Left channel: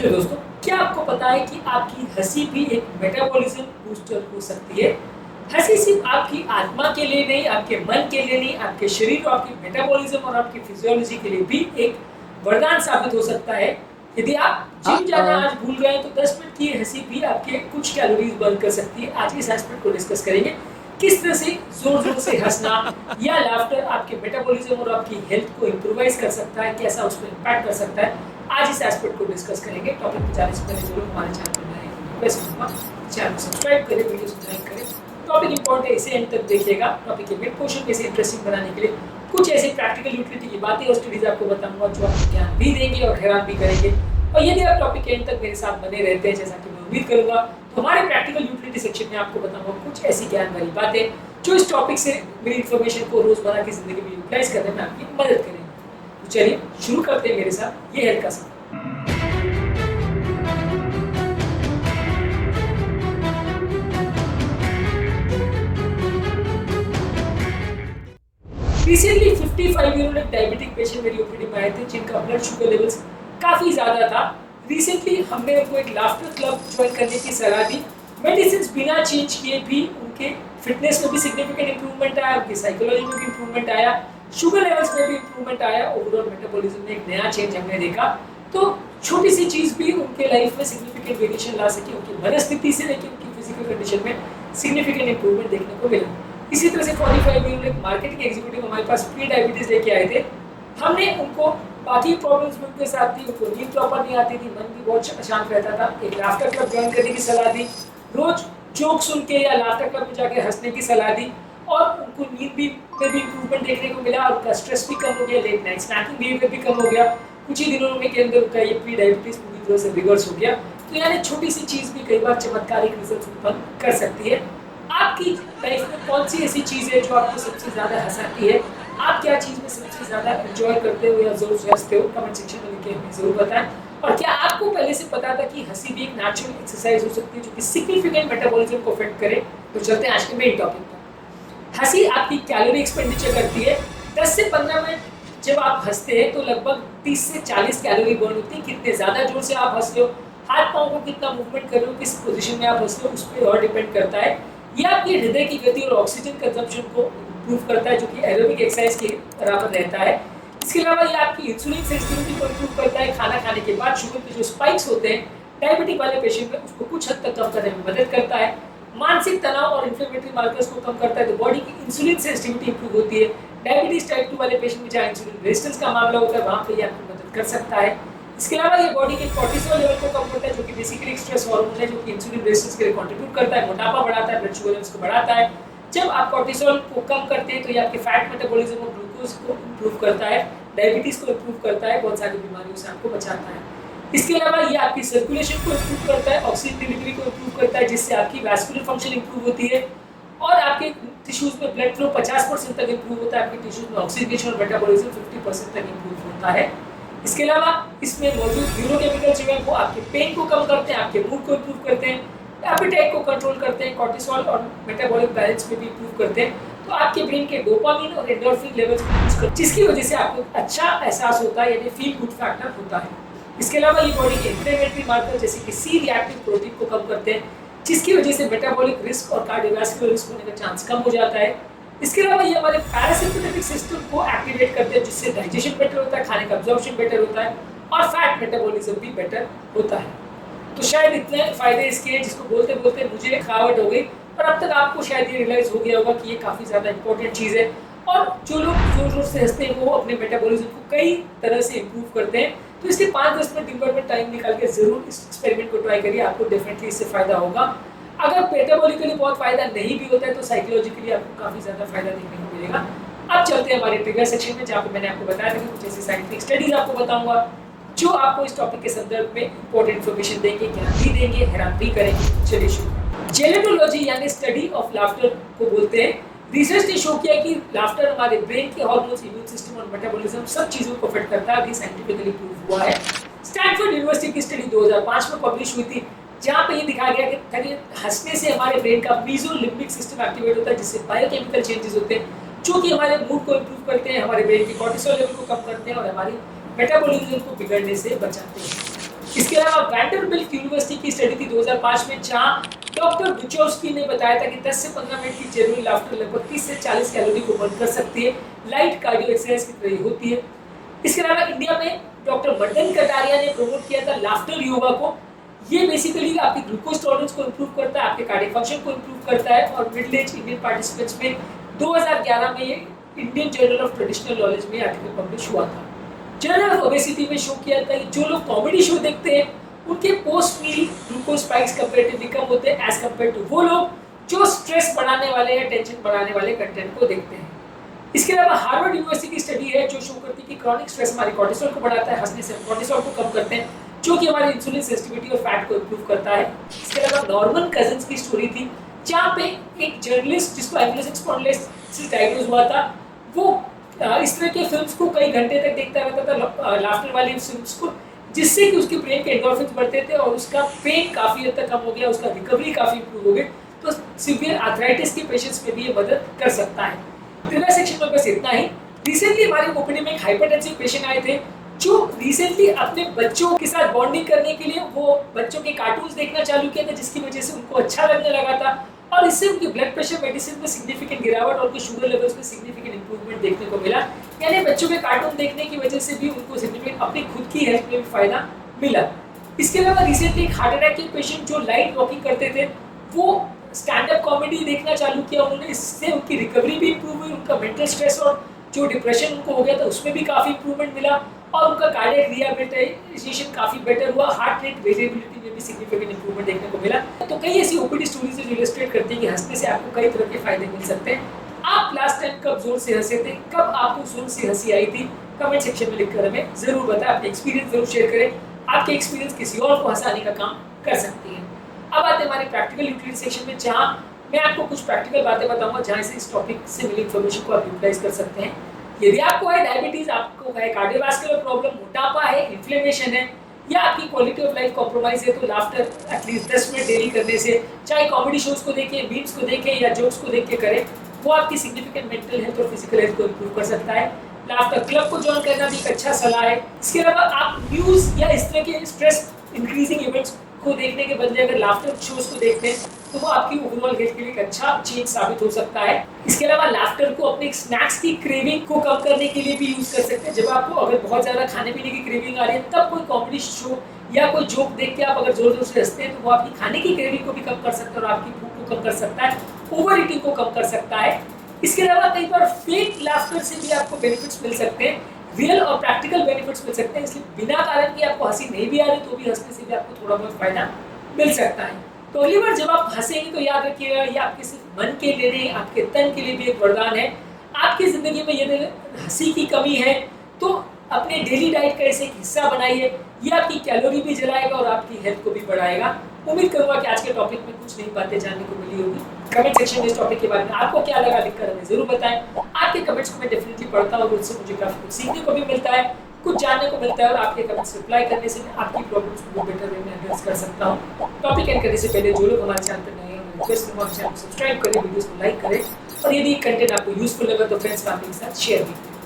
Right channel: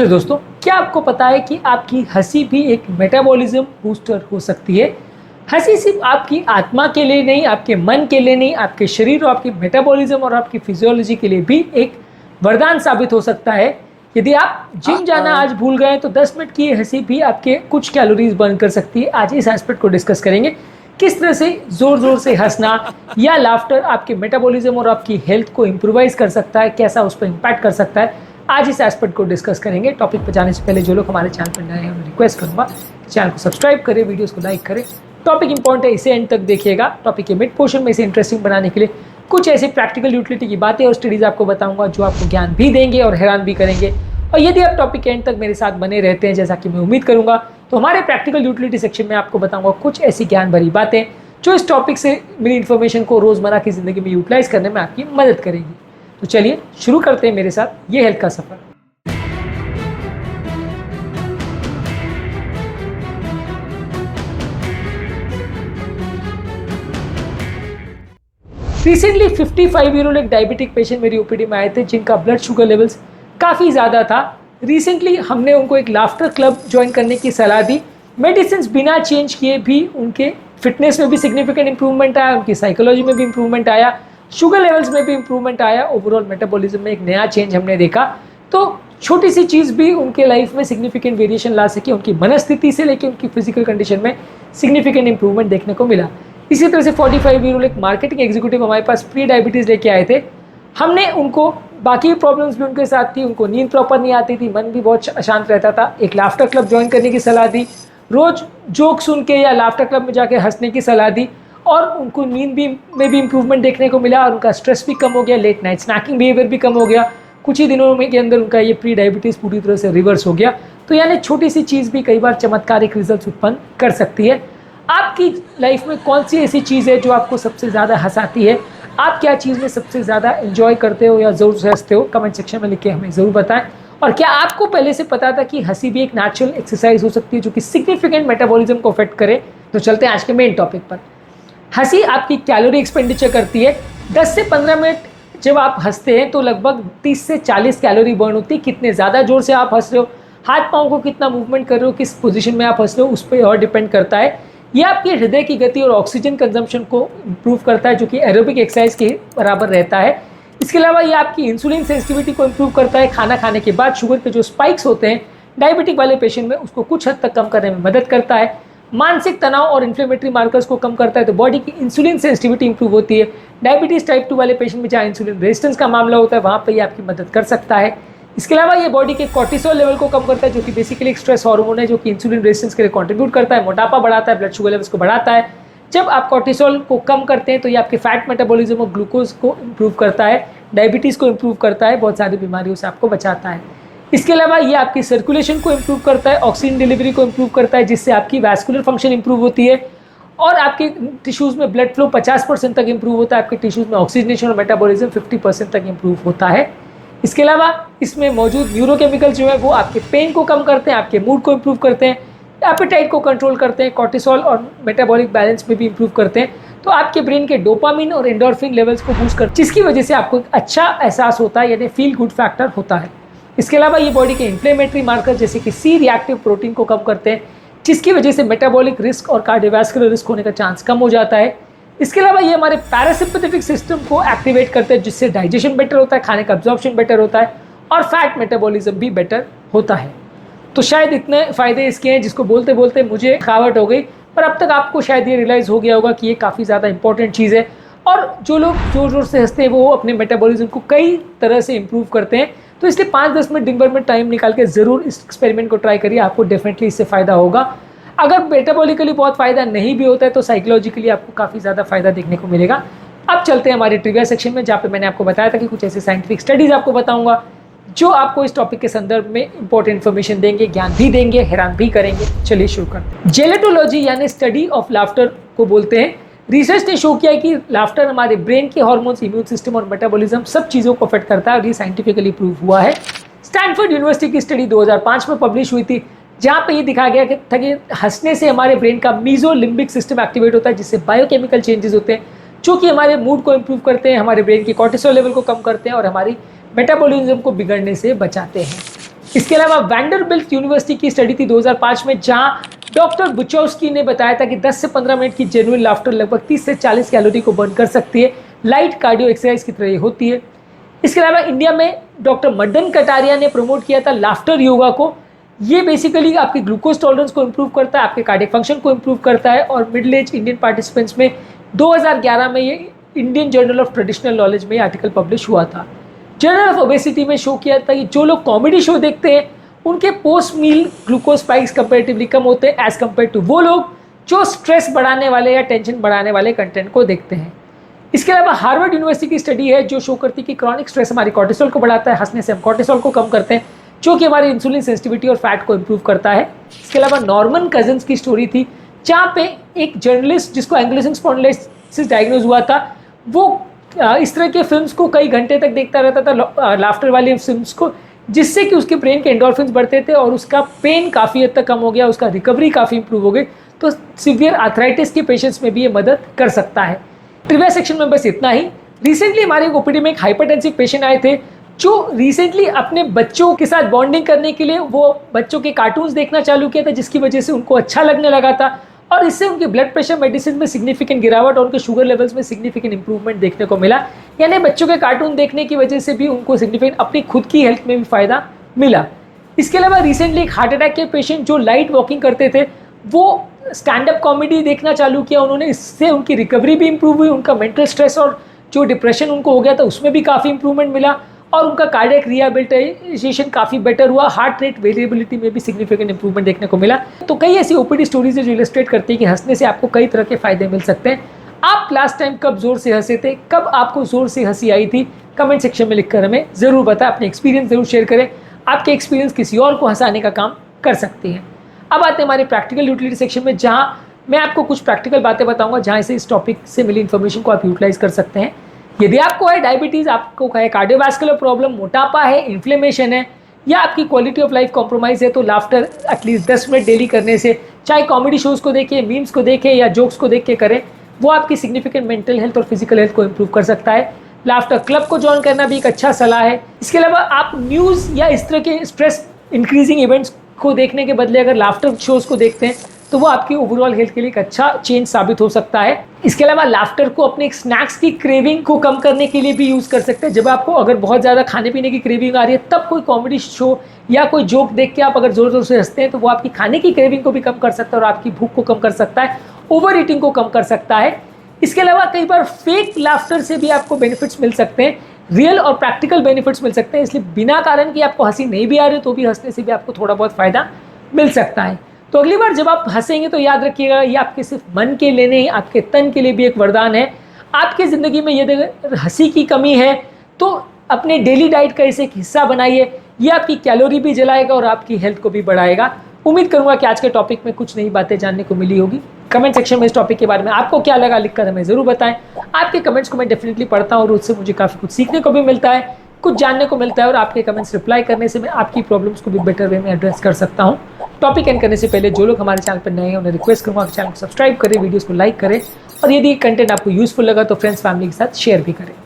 चलिए दोस्तों, क्या आपको पता है कि आपकी हंसी भी एक मेटाबॉलिज्म बूस्टर हो सकती है। हंसी सिर्फ आपकी आत्मा के लिए नहीं, आपके मन के लिए नहीं, आपके शरीर और आपकी मेटाबॉलिज्म और आपकी फिजियोलॉजी के लिए भी एक वरदान साबित हो सकता है। यदि आप जिम जाना आज भूल गए तो 10 मिनट की हंसी भी आपके कुछ कैलोरीज बर्न कर सकती है। आज इस एस्पेक्ट को डिस्कस करेंगे, किस तरह से जोर जोर से हंसना या लाफ्टर आपके मेटाबॉलिज्म और आपकी हेल्थ को इंप्रूवाइज कर सकता है, कैसा उस पर इम्पैक्ट कर सकता है। आज इस एस्पेक्ट को डिस्कस करेंगे। टॉपिक पर जाने से पहले जो लोग हमारे चैनल पर नए हैं मैं रिक्वेस्ट करूंगा चैनल को सब्सक्राइब करें, वीडियोस को लाइक करें। टॉपिक इंपॉर्टेंट है, इसे एंड तक देखिएगा। टॉपिक के मिड पोर्शन में इसे इंटरेस्टिंग बनाने के लिए कुछ ऐसी प्रैक्टिकल यूटिलिटी की बातें और स्टडीज आपको बताऊंगा जो आपको ज्ञान भी देंगे और हैरान भी करेंगे। और यदि आप टॉपिक के एंड तक मेरे साथ बने रहते हैं, जैसा कि मैं उम्मीद करूंगा, तो हमारे प्रैक्टिकल यूटिलिटी सेक्शन में आपको बताऊंगा कुछ ऐसी ज्ञान भरी बातें जो इस टॉपिक से मेरी इन्फॉर्मेशन को रोजमर्रा की जिंदगी में यूटिलाइज करने में आपकी मदद करेगी। तो चलिए शुरू करते हैं मेरे साथ ये हेल्थ का सफर। रिसेंटली 55 ईयर ओल्ड एक डायबिटिक पेशेंट मेरी ओपीडी में आए थे जिनका ब्लड शुगर लेवल्स काफ़ी ज़्यादा था। रिसेंटली हमने उनको एक लाफ्टर क्लब ज्वाइन करने की सलाह दी। मेडिसिन बिना चेंज किए भी उनके फिटनेस में भी सिग्निफिकेंट इंप्रूवमेंट आया, उनकी साइकोलॉजी में भी इंप्रूवमेंट आया, शुगर लेवल्स में भी इंप्रूवमेंट आया, ओवरऑल मेटाबॉलिज्म में एक नया चेंज हमने देखा। तो छोटी सी चीज़ भी उनके लाइफ में सिग्निफिकेंट वेरिएशन ला सकी, उनकी मनस्थिति से लेकर उनकी फिजिकल कंडीशन में सिग्निफिकेंट इंप्रूवमेंट देखने को मिला। इसी तरह से 45 ईयर ओल्ड एक मार्केटिंग एग्जीक्यूटिव हमारे पास प्री डायबिटीज़ लेके आए थे। हमने उनको बाकी प्रॉब्लम्स भी उनके साथ थी, उनको नींद प्रॉपर नहीं आती थी, मन भी बहुत अशांत रहता था। एक लाफ्टर क्लब ज्वाइन करने की सलाह दी, रोज जोक सुन के या लाफ्टर क्लब में जाके हंसने की सलाह दी और उनको नींद भी में भी इंप्रूवमेंट देखने को मिला और उनका स्ट्रेस भी कम हो गया, लेट नाइट स्नैकिंग बिहेवियर भी कम हो गया। कुछ ही दिनों में के अंदर उनका ये प्री डायबिटीज़ पूरी तरह से रिवर्स हो गया। तो यानी छोटी सी चीज़ भी कई बार चमत्कारिक रिजल्ट उत्पन्न कर सकती है। आपकी लाइफ में कौन सी ऐसी चीज़ है जो आपको सबसे ज़्यादा हंसाती है? आप क्या चीज़ में सबसे ज़्यादा एंजॉय करते हो या ज़रूर से हंसते हो? कमेंट सेक्शन में लिख के हमें ज़रूर बताएं। और क्या आपको पहले से पता था कि हंसी भी एक नेचुरल एक्सरसाइज हो सकती है जो कि सिग्निफिकेंट मेटाबॉलिज्म को अफेक्ट करे? तो चलते हैं आज के मेन टॉपिक पर। हंसी आपकी कैलोरी एक्सपेंडिचर करती है। 10 से 15 मिनट जब आप हंसते हैं तो लगभग 30 से 40 कैलोरी बर्न होती है। कितने ज़्यादा जोर से आप हंस रहे हो, हाथ पाँव को कितना मूवमेंट कर रहे हो, किस पोजीशन में आप हंस रहे हो, उस पर और डिपेंड करता है। यह आपके हृदय की गति और ऑक्सीजन कंजम्पशन को इम्प्रूव करता है जो कि एरोबिक एक्सरसाइज के बराबर रहता है। इसके अलावा ये आपकी इंसुलिन सेंसिटिविटी को इम्प्रूव करता है। खाना खाने के बाद शुगर के जो स्पाइक्स होते हैं डायबिटिक वाले पेशेंट में, उसको कुछ हद तक कम करने में मदद करता है। मानसिक तनाव और इन्फ्लेमेटरी मार्कर्स को कम करता है, तो बॉडी की इंसुलिन सेंसिटिविटी इंप्रूव होती है। डायबिटीज़ टाइप 2 वाले पेशेंट में जहाँ इंसुलिन रेजिस्टेंस का मामला होता है वहाँ पर ये आपकी मदद कर सकता है। इसके अलावा ये बॉडी के कॉर्टिसोल लेवल को कम करता है जो कि बेसिकली एक स्ट्रेस हार्मोन है जो कि इंसुलिन रेजिस्टेंस के लिए कंट्रीब्यूट करता है, मोटापा बढ़ाता है, ब्लड शुगर लेवल्स को बढ़ाता है। जब आप कॉर्टिसोल को कम करते हैं तो ये आपके फैट मेटाबॉलिज्म और ग्लूकोज को इम्प्रूव करता है, डायबिटीज़ को इम्प्रूव करता है, बहुत सारी बीमारियों से आपको बचाता है। इसके अलावा ये आपकी सर्कुलेशन को इम्प्रूव करता है, ऑक्सीजन डिलीवरी को इम्प्रूव करता है जिससे आपकी वैस्कुलर फंक्शन इम्प्रूव होती है और आपके टिश्यूज़ में ब्लड फ्लो 50% तक इम्प्रूव होता है, आपके टिश्यूज़ में ऑक्सीजनेशन और मेटाबॉलिज्म 50% तक इम्प्रूव होता है। इसके अलावा इसमें मौजूद न्यूरोकेमिकल जो है वो आपके पेन को कम करते हैं, आपके मूड को इम्प्रूव करते हैं, एपेटाइट को कंट्रोल करते हैं, कॉर्टिसोल और मेटाबॉलिक बैलेंस में भी इम्प्रूव करते हैं। तो आपके ब्रेन के डोपामिन और एंडोर्फिन लेवल्स को बूस्ट करते हैं जिसकी वजह से आपको अच्छा एहसास होता है, यानी फील गुड फैक्टर होता है। इसके अलावा ये बॉडी के इन्फ्लेमेटरी मार्कर जैसे कि सी रिएक्टिव प्रोटीन को कम करते हैं जिसकी वजह से मेटाबॉलिक रिस्क और कार्डियोवैस्कुलर रिस्क होने का चांस कम हो जाता है। इसके अलावा ये हमारे पैरासिम्पैथेटिक सिस्टम को एक्टिवेट करते हैं जिससे डाइजेशन बेटर होता है, खाने का अब्जॉर्प्शन बेटर होता है और फैट मेटाबॉलिज्म भी बेटर होता है। तो शायद इतने फ़ायदे इसके हैं जिसको बोलते बोलते मुझे थकावट हो गई, पर अब तक आपको शायद ये रियलाइज़ हो गया होगा कि ये काफ़ी ज़्यादा इंपॉर्टेंट चीज़ है। और जो लोग ज़ोर ज़ोर से हंसते हैं वो अपने मेटाबॉलिज्म को कई तरह से इम्प्रूव करते हैं। तो इसलिए 5-10 मिनट दिन भर में टाइम निकाल के ज़रूर इस एक्सपेरिमेंट को ट्राई करिए, आपको डेफिनेटली इससे फ़ायदा होगा। अगर मेटाबॉलिकली बहुत फ़ायदा नहीं भी होता है तो साइकोलॉजिकली आपको काफ़ी ज़्यादा फ़ायदा देखने को मिलेगा। अब चलते हैं हमारे ट्रिविया सेक्शन में जहाँ पे मैंने आपको बताया था कि कुछ ऐसे साइंटिफिक स्टडीज़ आपको बताऊंगा जो आपको इस टॉपिक के संदर्भ में इंपॉर्टेंट इन्फॉर्मेशन देंगे, ज्ञान भी देंगे, हैरान भी करेंगे। चलिए शुरू करते। जेलेटोलॉजी यानी स्टडी ऑफ लाफ्टर को बोलते हैं। रिसर्च ने शो किया है कि लाफ्टर हमारे ब्रेन के हार्मोन्स, इम्यून सिस्टम और मेटाबॉलिज्म सब चीज़ों को अफेक्ट करता है और ये साइंटिफिकली प्रूव हुआ है। स्टैनफोर्ड यूनिवर्सिटी की स्टडी 2005 में पब्लिश हुई थी जहाँ पे ये दिखाया गया था कि हंसने से हमारे ब्रेन का मीजोलिम्बिक सिस्टम एक्टिवेट होता है जिससे बायोकेमिकल चेंजेस होते हैं जो कि हमारे मूड को इम्प्रूव करते हैं, हमारे ब्रेन की कॉर्टिसोल लेवल को कम करते हैं और हमारी मेटाबॉलिज्म को बिगड़ने से बचाते हैं। इसके अलावा वैंडरबिल्ट यूनिवर्सिटी की स्टडी थी 2005 में, जहां डॉक्टर बुचौस्की ने बताया था कि 10 से 15 मिनट की जेन्युइन लाफ्टर लगभग 30 से 40 कैलोरी को बर्न कर सकती है, लाइट कार्डियो एक्सरसाइज की तरह होती है। इसके अलावा इंडिया में डॉक्टर मदन कटारिया ने प्रमोट किया था लाफ्टर योगा को। ये बेसिकली आपकी ग्लूकोज टॉलरेंस को इम्प्रूव करता है, आपके कार्डियक फंक्शन को इम्प्रूव करता है, और मिडिल एज इंडियन पार्टिसिपेंट्स में 2011 में ये Indian journal of traditional knowledge में आर्टिकल पब्लिश हुआ था। जर्नल ऑफ ओबेसिटी में शो किया था कि जो लोग कॉमेडी शो देखते हैं उनके पोस्ट मील ग्लूकोज स्पाइक्स कंपेरेटिवली कम होते हैं एज कम्पेयर टू वो लोग जो स्ट्रेस बढ़ाने वाले या टेंशन बढ़ाने वाले कंटेंट को देखते हैं। इसके अलावा हार्वर्ड यूनिवर्सिटी की स्टडी है जो शो करती है कि क्रॉनिक स्ट्रेस हमारी कॉर्टिसोल को बढ़ाता है, हंसने से हम कॉर्टिसोल को कम करते हैं जो कि हमारी इंसुलिन सेंसिटिविटी और फैट को इम्प्रूव करता है। इसके अलावा नॉर्मन कजन्स की स्टोरी थी, जहाँ पे एक जर्नलिस्ट जिसको एंग्लोसिस स्पॉन्डिलोसिस डायग्नोज हुआ था, वो इस तरह के फिल्म्स को कई घंटे तक देखता रहता था, लाफ्टर वाली फिल्म्स को, जिससे कि उसके ब्रेन के एंडोर्फिन्स बढ़ते थे और उसका पेन काफ़ी हद तक कम हो गया, उसका रिकवरी काफ़ी इंप्रूव हो गई। तो सीवियर आर्थराइटिस के पेशेंट्स में भी ये मदद कर सकता है। ट्रिविया सेक्शन में बस इतना ही। रिसेंटली हमारे ओपीडी में एक हाइपरटेंसिव पेशेंट आए थे जो रिसेंटली अपने बच्चों के साथ बॉन्डिंग करने के लिए वो बच्चों के कार्टून्स देखना चालू किया था, जिसकी वजह से उनको अच्छा लगने लगा था और इससे उनके ब्लड प्रेशर मेडिसिन में सिग्निफिकेंट गिरावट और उनके शुगर लेवल्स में सिग्निफिकेंट इंप्रूवमेंट देखने को मिला। यानी बच्चों के कार्टून देखने की वजह से भी उनको सिग्निफिकेंट अपनी खुद की हेल्थ में भी फायदा मिला। इसके अलावा रिसेंटली एक हार्ट अटैक के पेशेंट जो लाइट वॉकिंग करते थे वो स्टैंड अप कॉमेडी देखना चालू किया उन्होंने, इससे उनकी रिकवरी भी इंप्रूव हुई, उनका मेंटल स्ट्रेस और जो डिप्रेशन उनको हो गया था उसमें भी काफ़ी इंप्रूवमेंट मिला और उनका कार्डियक रिहैबिलिटेशन काफ़ी बेटर हुआ, हार्ट रेट वेरिएबिलिटी में भी सिग्निफिकेंट इंप्रूवमेंट देखने को मिला। तो कई ऐसी ओपीडी स्टोरीज है जो इलस्ट्रेट करती है कि हंसने से आपको कई तरह के फायदे मिल सकते हैं। आप लास्ट टाइम कब जोर से हंसे थे, कब आपको जोर से हंसी आई थी, कमेंट सेक्शन में लिखकर हमें ज़रूर बताएं, अपने एक्सपीरियंस जरूर शेयर करें। आपके एक्सपीरियंस किसी और को हंसाने का काम कर सकती है। अब आते हैं हमारे प्रैक्टिकल यूटिलिटी सेक्शन में, जहाँ मैं आपको कुछ प्रैक्टिकल बातें बताऊंगा जहाँ से इस टॉपिक से मिली इन्फॉर्मेशन को आप यूटिलाइज कर सकते हैं। यदि आपको है डायबिटीज़, आपको है कार्डियोवास्कुलर प्रॉब्लम, मोटापा है, इन्फ्लेमेशन है या आपकी क्वालिटी ऑफ लाइफ कॉम्प्रोमाइज़ है, तो लाफ्टर एटलीस्ट 10 मिनट डेली करने से, चाहे कॉमेडी शोज़ को देखें, मीम्स को देखें या जोक्स को देख के करें, वो आपकी सिग्निफिकेंट मेंटल हेल्थ और फिजिकल हेल्थ को इंप्रूव कर सकता है। लाफ्टर क्लब को ज्वाइन करना भी एक अच्छा सलाह है। इसके अलावा आप न्यूज़ या इस तरह के स्ट्रेस इंक्रीजिंग इवेंट्स को देखने के बदले अगर लाफ्टर शोज़ को देखते हैं तो वो आपकी ओवरऑल हेल्थ के लिए एक अच्छा चेंज साबित हो सकता है। इसके अलावा लाफ्टर को अपने स्नैक्स की क्रेविंग को कम करने के लिए भी यूज़ कर सकते हैं। जब आपको अगर बहुत ज़्यादा खाने पीने की क्रेविंग आ रही है, तब कोई कॉमेडी शो या कोई जोक देख के आप अगर ज़ोर ज़ोर से हंसते हैं तो वो आपकी खाने की क्रेविंग को भी कम कर सकता है और आपकी भूख को कम कर सकता है, ओवर ईटिंग को कम कर सकता है। इसके अलावा कई बार फेक लाफ्टर से भी आपको बेनिफिट्स मिल सकते हैं, रियल और प्रैक्टिकल बेनिफिट्स मिल सकते हैं। इसलिए बिना कारण कि आपको हंसी नहीं भी आ रही तो भी हंसने से भी आपको थोड़ा बहुत फ़ायदा मिल सकता है। तो अगली बार जब आप हंसेंगे तो याद रखिएगा ये आपके सिर्फ मन के लिए नहीं, आपके तन के लिए भी एक वरदान है। आपके ज़िंदगी में यदि हंसी की कमी है तो अपने डेली डाइट का इसे एक हिस्सा बनाइए, ये आपकी कैलोरी भी जलाएगा और आपकी हेल्थ को भी बढ़ाएगा। उम्मीद करूंगा कि आज के टॉपिक में कुछ नई बातें जानने को मिली होगी। कमेंट सेक्शन में इस टॉपिक के बारे में आपको क्या लगा लिखकर हमें ज़रूर बताएं। आपके कमेंट्स को मैं डेफिनेटली पढ़ता हूँ और उससे मुझे काफ़ी कुछ सीखने को भी मिलता है, कुछ जानने को मिलता है और आपके कमेंट्स रिप्लाई करने से मैं आपकी प्रॉब्लम्स को भी बेटर वे में एड्रेस कर सकता हूँ। टॉपिक एंड करने से पहले जो लोग हमारे चैनल पर नए हैं उन्हें रिक्वेस्ट करूँगा कि चैनल को सब्सक्राइब करें, वीडियोस को लाइक करें और यदि कंटेंट आपको यूजफुल लगा तो फ्रेंड्स फैमिली के साथ शेयर भी करें।